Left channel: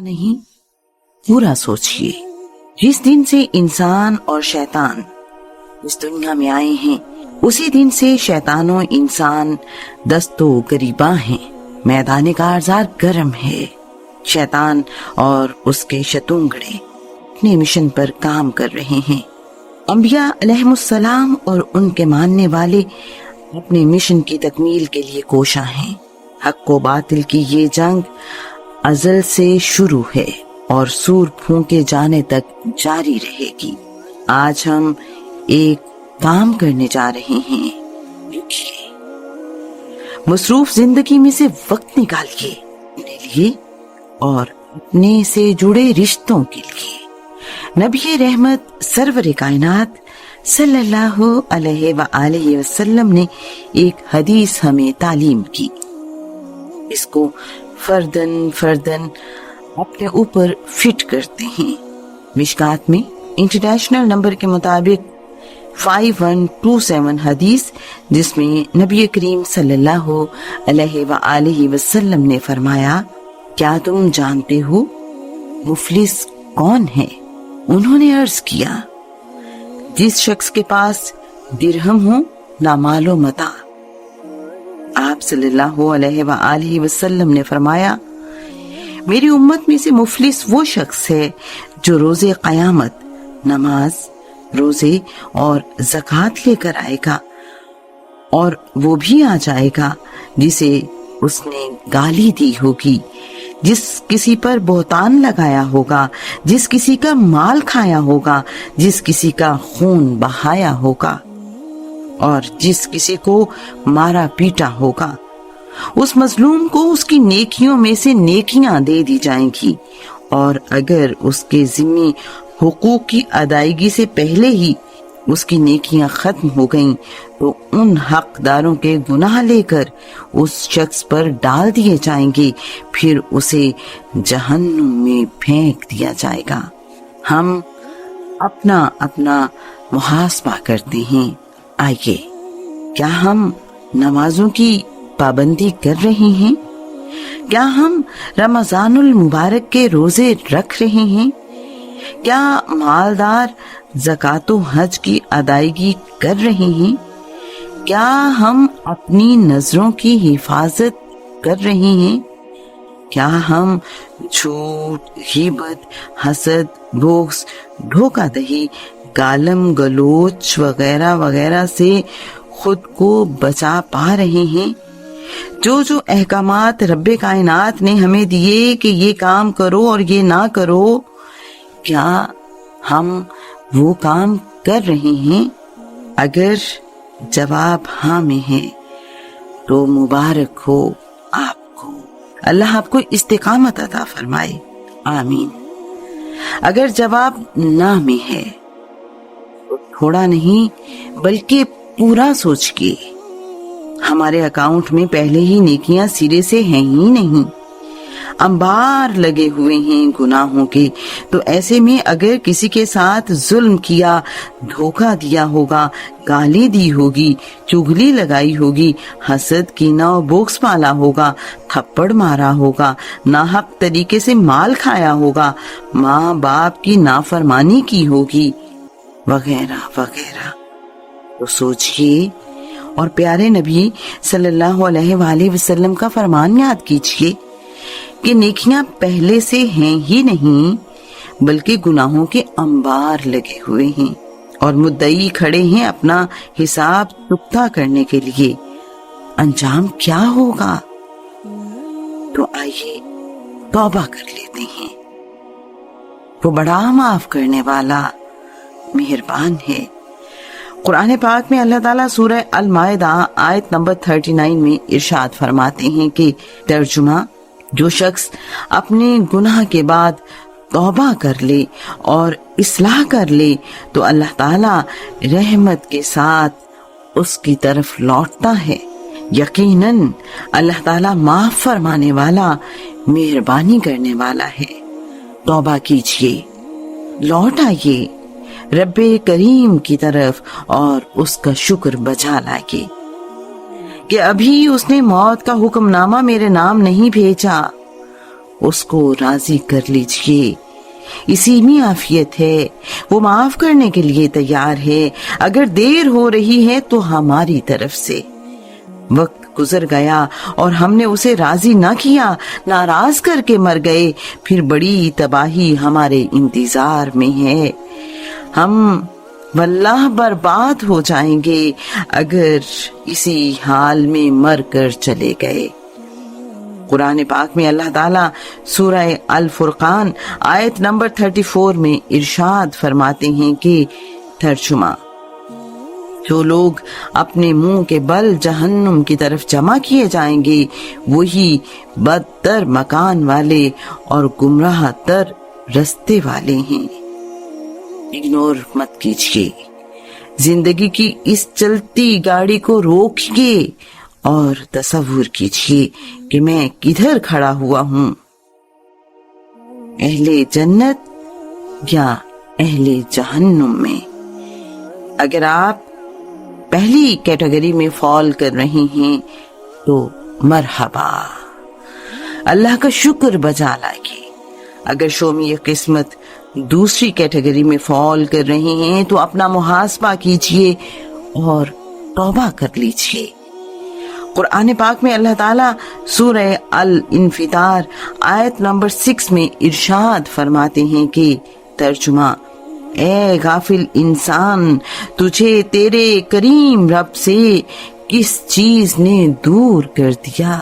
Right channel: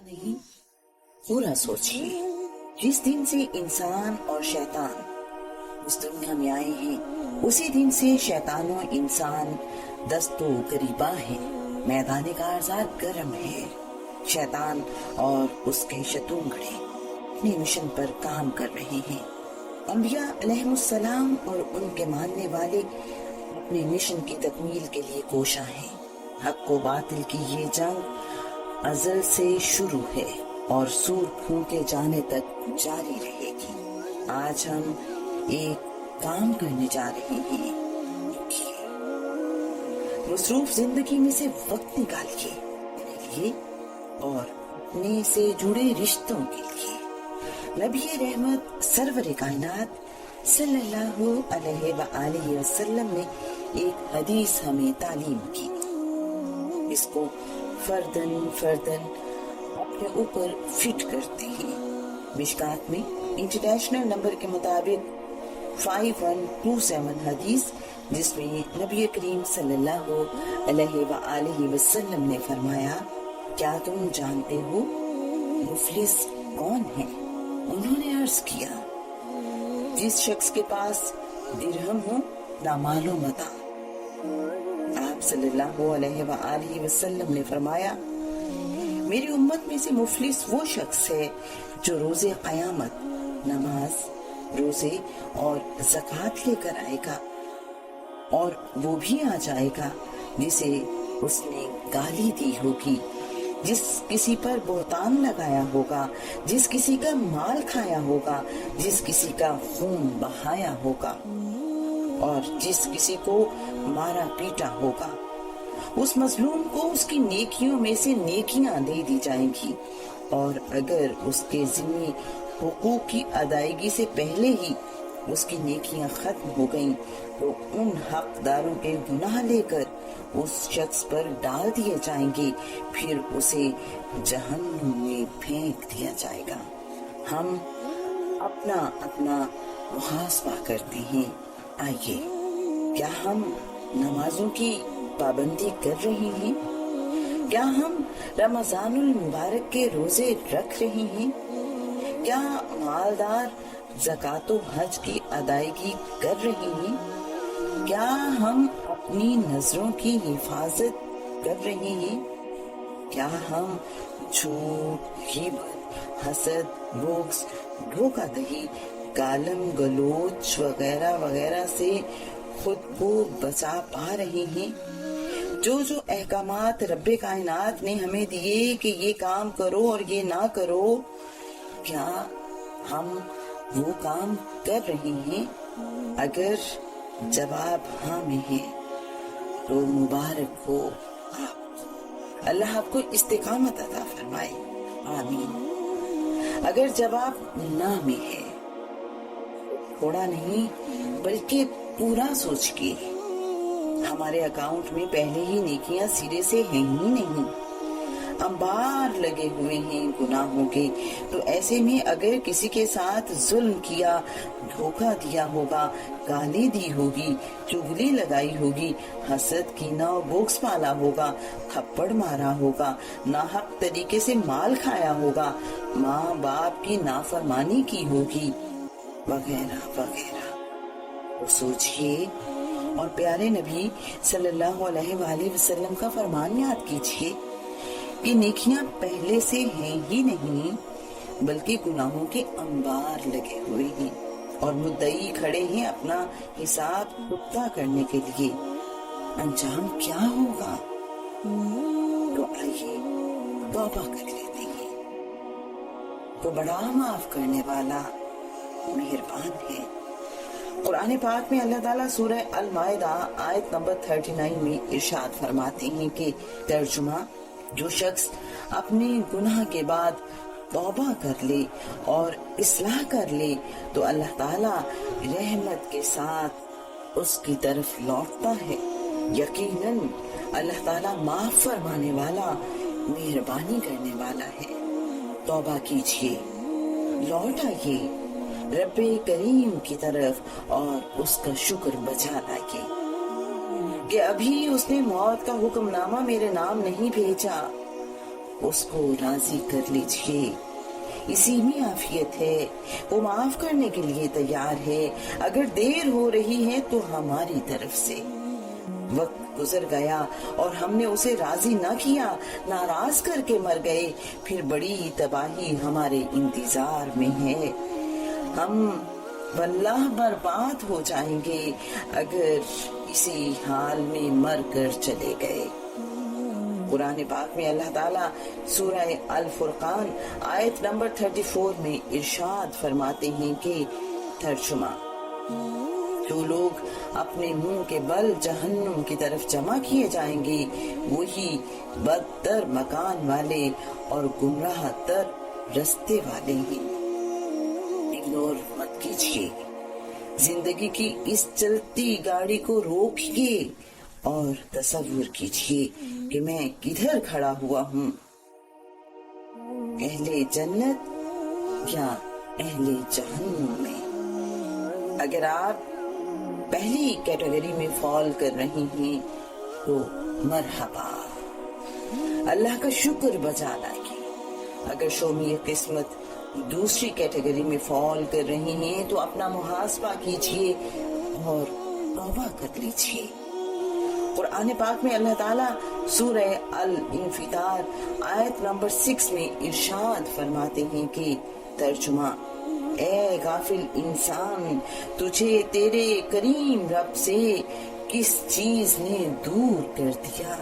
نہیں پورا سوچئے، جس دن سے انسان اور شیطان اس دنیا میں آئے ہیں اسی دن سے شیطان و انسان دست و گریباں ہیں۔ میدان کارزار گرم ہے۔ شیطان اور اس کے شتونگڑے اپنے مشن پر کام کر رہے ہیں۔ انبیاء علیہم السلام اور ان کے ماننے والے اپنے مشن کی تکمیل کے لیے کوشاں ہیں۔ حق و باطل کی یہ جنگ ازل سے شروع ہے اور سور پھونکے جانے تک جاری رہے گی۔ آج ہم ایک کام کرنے جا رہے ہیں۔ مصروف زندگی میں سے وقت نکالیے اپنے لیے اور اپنے سے جڑے رشتوں کے لیے۔ نبی رحمت سرور کائنات صلی اللہ علیہ وآلہ وسلم نے ایک حدیث ہمیں تعلیم کی۔ اس کو فردن اپنے اوپر فٹ کرتے ہیں۔ مشکات میں انٹرنیشنل نمبر کے مطابق 5127 حدیث، جس میں نبی کریم صلی اللہ علیہ وآلہ وسلم نے فرمایا، کیا تم جانتے ہو مفلس کون ہے؟ انہوں نے عرض کیا، جس شخص کے پاس درہم ہو نہ مال و متاع۔ آپ صلی اللہ علیہ وآلہ وسلم نے فرمایا، میری امت میں سے مفلس وہ شخص ہے جو روز قیامت نماز، روزے اور زکوٰۃ لے کر آئے گا، اور وہ بھی آ جائے گا جسے اس نے گالی دی ہوگی، جس کسی پر بہتان لگایا ہوگا، جس کسی کا مال کھایا ہوگا، جس کسی کا خون بہایا ہوگا، اور جس کسی کو مارا پیٹا ہوگا۔ اس مظلوم کو اس کی نیکیوں میں سے نیکیاں دے دی جائیں گی، اور اگر اس کے ذمہ حقوق کی ادائیگی سے پہلے ہی اس کی نیکیاں ختم ہو گئیں تو ان حقداروں کے گناہ لے کر اس شخص پر ڈال دیے جائیں گے، پھر اسے جہنم میں پھینک دیا جائے گا۔ ہم اپنا محاسبہ کرتے ہیں۔ آئیے، کیا ہم نمازوں کی پابندی کر رہے ہیں؟ کیا ہم رمضان المبارک کے روزے رکھ رہے ہیں؟ کیا مالدار زکوٰۃ و حج کی ادائیگی کر رہے ہیں؟ کیا ہم اپنی نظروں کی حفاظت کر رہے ہیں؟ کیا ہم جھوٹ، غیبت، حسد، بغض، دھوکہ دہی، گالم گلوچ وغیرہ وغیرہ سے خود کو بچا پا رہے ہیں؟ جو احکامات رب کائنات نے ہمیں دیے کہ یہ کام کرو اور یہ نہ کرو، کیا ہم وہ کام کر رہے ہیں؟ اگر جواب ہاں میں ہے تو مبارک ہو آپ کو، اللہ آپ کو استقامت عطا فرمائے، آمین۔ اگر جواب نہ میں ہے تو تھوڑا نہیں بلکہ پورا سوچ کے، ہمارے اکاؤنٹ میں پہلے ہی نیکیاں سرے سے ہیں ہی نہیں، انبار لگے ہوئے ہیں گناہوں کے۔ تو ایسے میں اگر کسی کے ساتھ ظلم کیا، دھوکہ دیا ہوگا، گالی دی ہوگی، چغلی لگائی ہوگی، حسد کینہ و بغض پالا ہوگا، تھپڑ مارا ہوگا، ناحق طریقے سے مال کھایا ہوگا، ماں باپ کی نافرمانی کی ہوگی، وغیرہ وغیرہ، تو سوچئے اور پیارے نبی صلی اللہ علیہ وآلہ وسلم کا فرمان یاد کیجئے کہ نیکیاں پہلے سے ہیں ہی نہیں بلکہ گناہوں کے انبار لگے ہوئے ہیں، اور مدعی کھڑے ہیں اپنا حساب چکتا کرنے کے لیے۔ انجام کیا ہوگا؟ تو آئیے توبہ کر لیتے ہیں۔ وہ بڑا معاف کرنے والا مہربان ہے۔ قرآن پاک میں اللہ تعالیٰ سورہ المائدہ آیت نمبر 39 میں ارشاد فرماتے ہیں کہ ترجمہ، جو شخص اپنے گناہ کے بعد توبہ کر لے اور اصلاح کر لے تو اللہ تعالیٰ رحمت کے ساتھ اس کی طرف لوٹتا ہے۔ یقیناً اللہ تعالیٰ معاف فرمانے والا، مہربانی کرنے والا ہے۔ توبہ کیجئے، لوٹ آئیے رب کریم کی طرف اور اس کا شکر بجا لائیے کہ ابھی اس نے موت کا حکم نامہ میرے نام نہیں بھیجا، اس کو راضی کر لیجئے، اسی میں عافیت ہے، وہ معاف کرنے کے لیے تیار ہے، اگر دیر ہو رہی ہے تو ہماری طرف سے۔ وقت گزر گیا اور ہم نے اسے راضی نہ کیا، ناراض کر کے مر گئے، پھر بڑی تباہی ہمارے انتظار میں ہے، ہم واللہ برباد ہو جائیں گے اگر اسی حال میں مر کر چلے گئے۔ قرآن پاک میں اللہ تعالیٰ سورہ الفرقان آیت نمبر 34 میں ارشاد فرماتے ہیں کہ ترجمہ: جو لوگ اپنے منہ کے بل جہنم کی طرف جمع کیے جائیں گے وہی بدتر مکان والے اور گمراہ تر رستے والے ہیں۔ اگنور مت کیجیے، زندگی کی اس چلتی گاڑی کو روکیے اور تصور کیجیے کہ میں کدھر کھڑا ہوا ہوں، اہل جنت یا اہل جہنم میں۔ اگر آپ پہلی کیٹیگری میں فال کر رہے ہیں تو مرحبا، اللہ کا شکر بجا لائیے۔ اگر شومی قسمت دوسری کیٹیگری میں فال کر رہے ہیں تو اپنا محاسبہ کیجئے اور توبہ کر لیجئے۔ قرآن پاک میں اللہ تعالیٰ سورہ الانفطار آیت نمبر 6 میں ارشاد فرماتے ہیں کہ ترجمہ: اے غافل انسان، تجھے تیرے کریم رب سے کس چیز نے دور کر دیا؟